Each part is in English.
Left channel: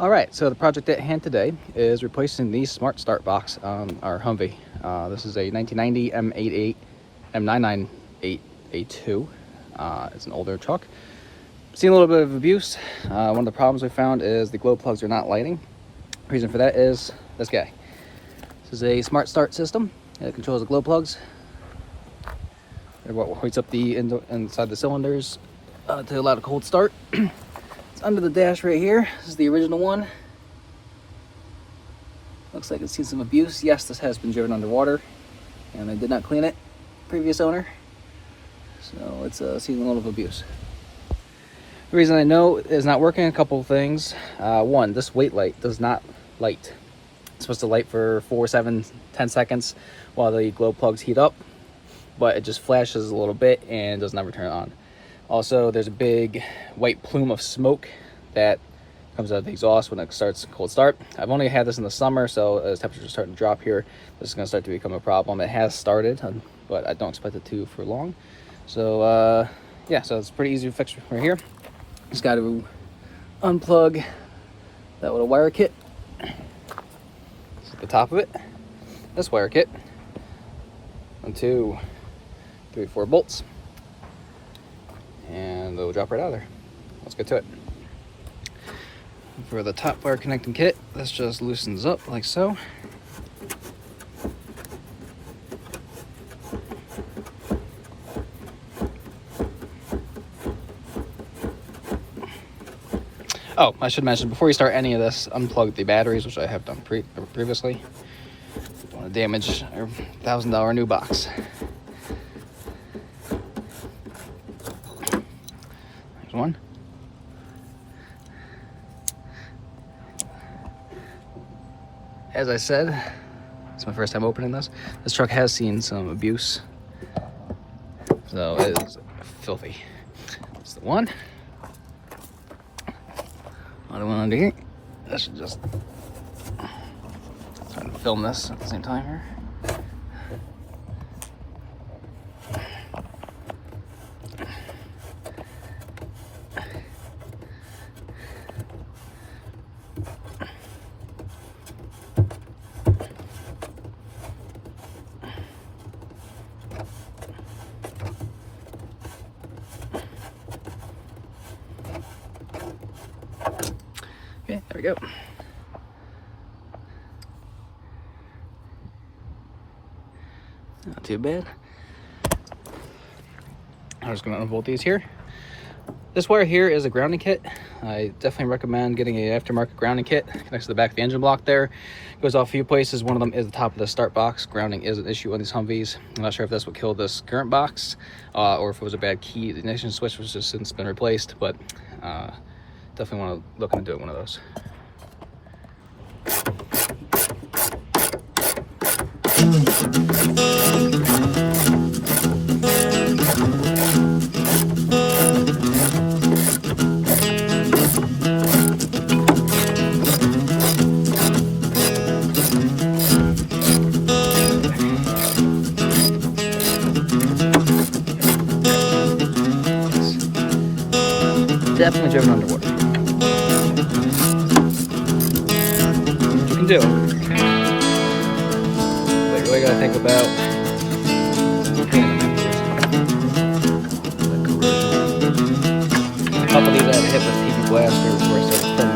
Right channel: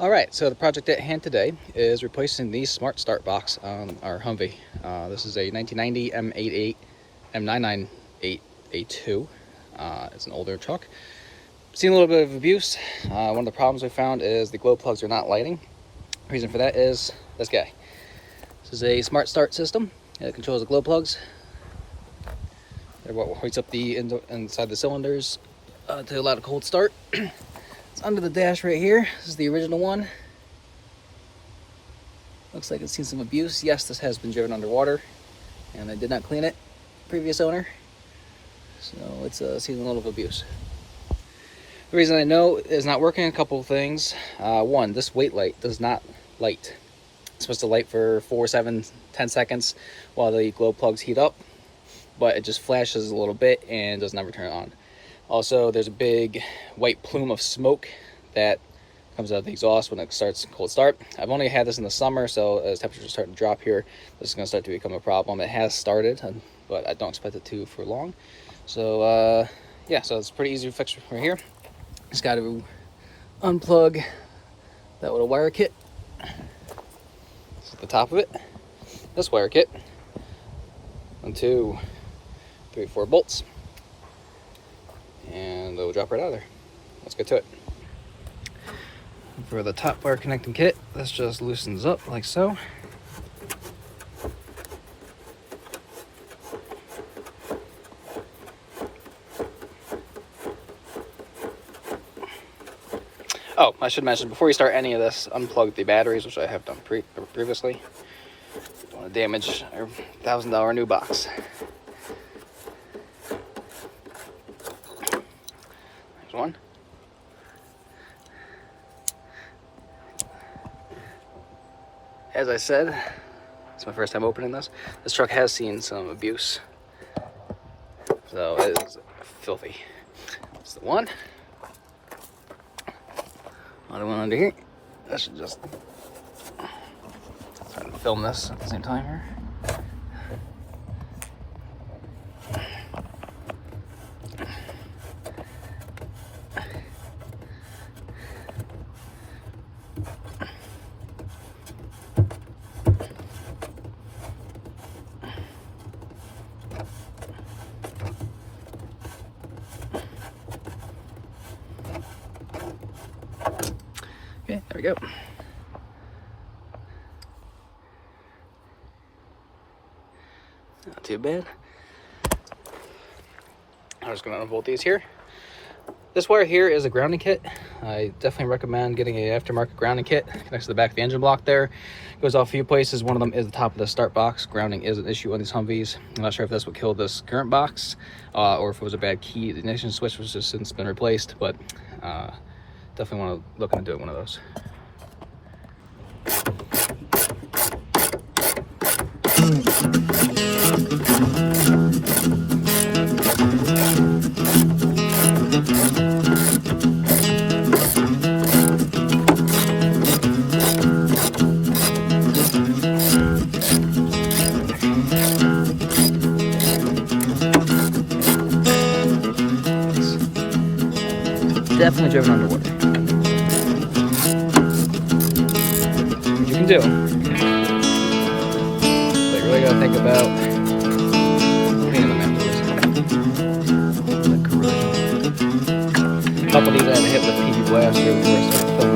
Alright, so the project at hand today is replacing the Smart Start box on our Humvee. This is a 1990 M88, M998A2. It's an older truck. Seen a little bit of abuse. One of the problems we found is the glow plugs are not lighting. The reason for that is this guy. This is a Smart Start system. It controls the glow plugs. They're what hoists up the inside the cylinders to allow the cold start. It's under the dash right here. This is the original one. Looks like it's seen some abuse. Yes, this has been driven underwater, and I did not clean it, previous owner. So it's seen a lot of abuse. The reason I know it's not working, a couple of things. One, this wait light does not light. It's supposed to light for 4, 7, 10 seconds while the glow plugs heat up, but it just flashes a little bit and does not turn on. Also, there's a big white plume of smoke that comes out of the exhaust when it starts cold start. I've only had this in the summer, so as temperatures are starting to drop here, this is going to start to become a problem. It has started, but I don't expect it to for long. So yeah, so it's pretty easy to fix right here. Just got to unplug that little wire kit at the top of it. This wire kit, 1, 2, 3, 4 bolts. And it'll drop right out of there. Let's get to it. For the top wire connecting kit, this just loosens up like so. Oh, I should mention, before you start any of this, unplug the batteries, which I have done previously. Don't damage your $1,000 new box. There's one. As I said, it's my first time opening this. This truck has seen some abuse, so it is filthy. That's the one. Another one under here. I should just try to film this at the same time here. Okay, there we go. Not too bad. I'm just going to unbolt these here. This wire here is a grounding kit. I definitely recommend getting an aftermarket grounding kit. Connects to the back of the engine block there. Goes off a few places. One of them is the top of the start box. Grounding is an issue on these Humvees. I'm not sure if that's what killed this current box or if it was a bad key. The ignition switch was just since been replaced, but definitely want to look into doing one of those. Definitely driven underwater. You can do it. But you really gotta think about a couple of these I had to hit with PV blasters or something.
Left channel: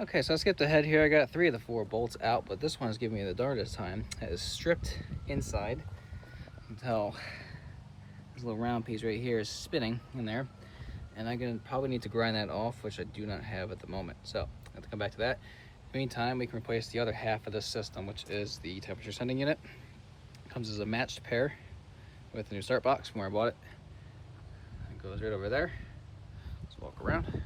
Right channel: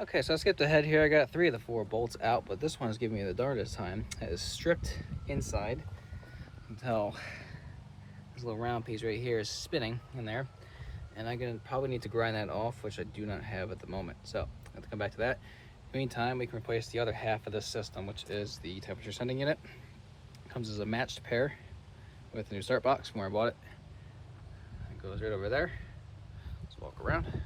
Okay, so I skipped ahead here. I got 3 of the 4 bolts out, but this one is giving me the darndest time. It is stripped inside. You can tell this little round piece right here is spinning in there. And I'm going to probably need to grind that off, which I do not have at the moment. So I have to come back to that. In the meantime, we can replace the other half of this system, which is the temperature sending unit. It comes as a matched pair with the new start box from where I bought it. It goes right over there. Let's walk around.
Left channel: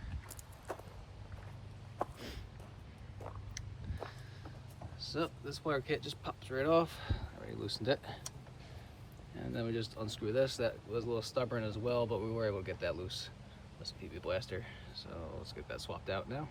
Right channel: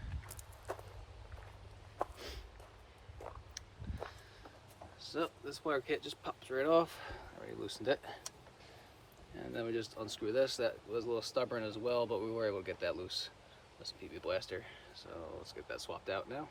So this wire kit just pops right off. I already loosened it. And then we just unscrew this. That was a little stubborn as well, but we were able to get that loose. That's a PV blaster. So let's get that swapped out now.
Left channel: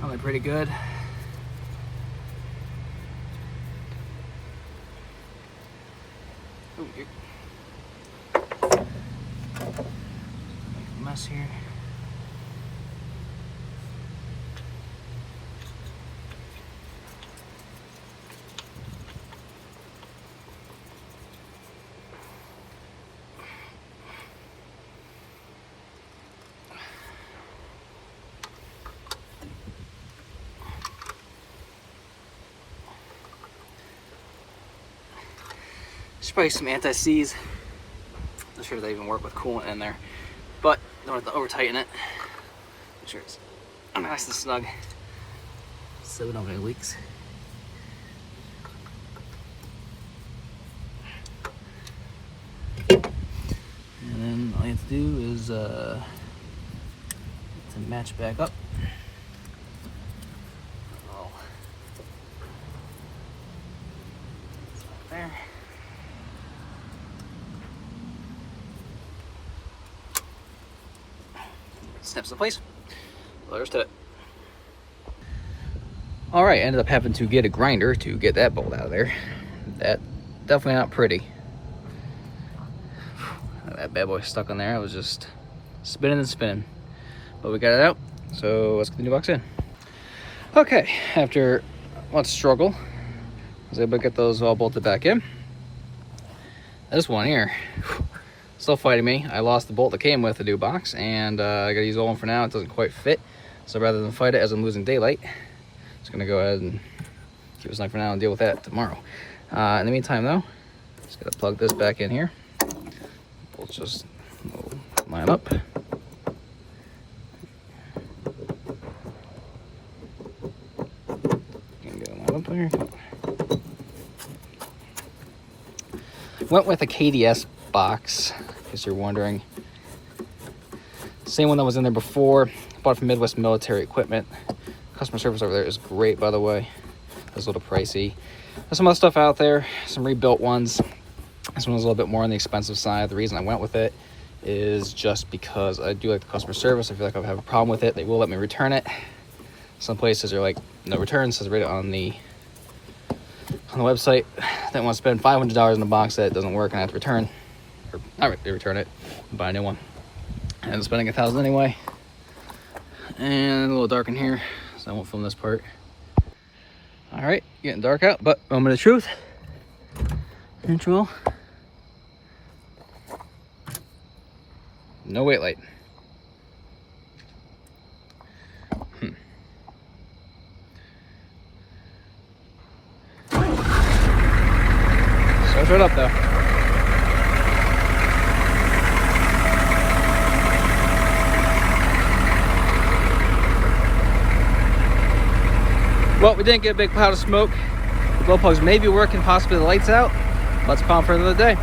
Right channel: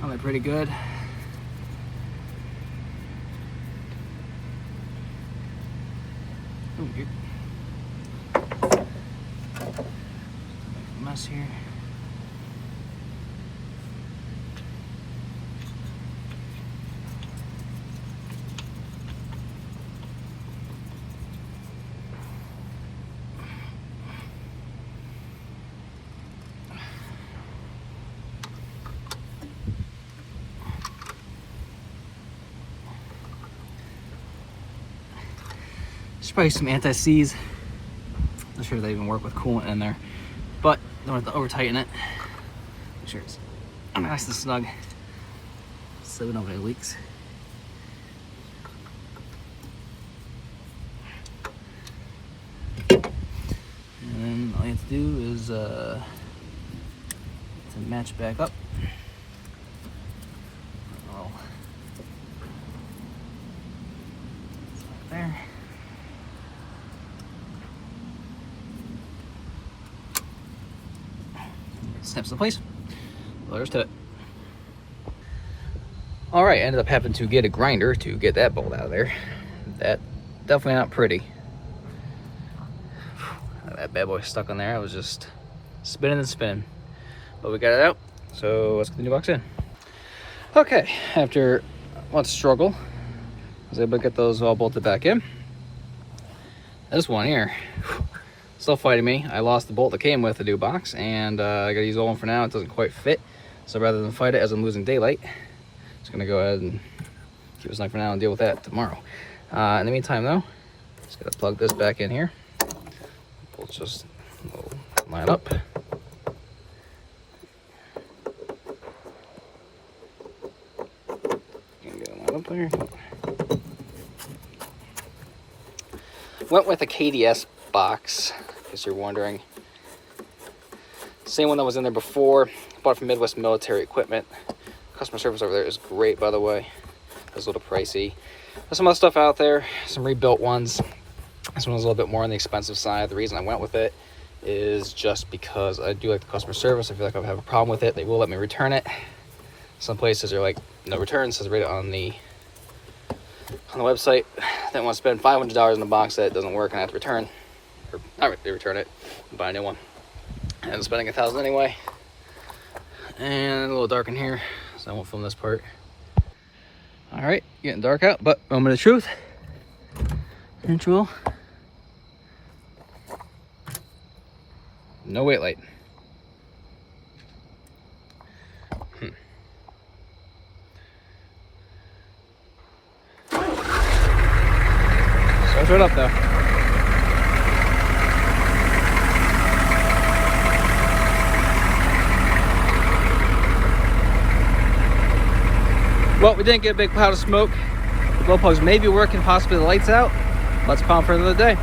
Really pretty good. Ooh, mess here. Spray some anti-seize. Not sure if they even work with coolant in there, but don't have to over tighten it. Make sure it's nice and snug so we don't have any leaks. And then all you have to do is to match back up. There. Snaps in place. Letters to it. All right, ended up having to get a grinder to get that bolt out of there. That definitely not pretty. That bad boy stuck on there. I was just spinning and spinning, but we got it out. So let's put the new box in. Okay, after much struggle, I was able to get those all bolted back in. This one here, still fighting me. I lost the bolt that came with the new box, and I gotta use the old one for now. It doesn't quite fit. So rather than fight it as I'm losing daylight, I'm just gonna go ahead and keep this line for now and deal with that tomorrow. In the meantime though, just gotta plug this back in here. Let's just line up. Went with a KDS box, if you're wondering. Same one that was in there before. Bought it from Midwest Military Equipment. Customer service over there is great, by the way. It's a little pricey. There's some other stuff out there, some rebuilt ones. This one was a little bit more on the expensive side. The reason I went with it is just because I do like the customer service. I feel like I would have a problem with it. They will let me return it. Some places are like, no returns, says right on the website. They want to spend $500 in the box that doesn't work and I have to return. Or not return it and buy a new one. And I'm spending $1,000 anyway. And a little dark in here, so I won't film this part. All right, getting dark out, but moment of truth. Control. No wait light. Starts right up though. Well, we didn't get a big cloud of smoke. The glow plugs may be working, possibly the lights out. Let's pump for another day.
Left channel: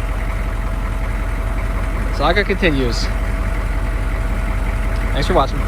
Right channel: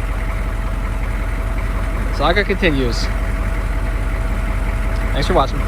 Saga continues. Thanks for watching.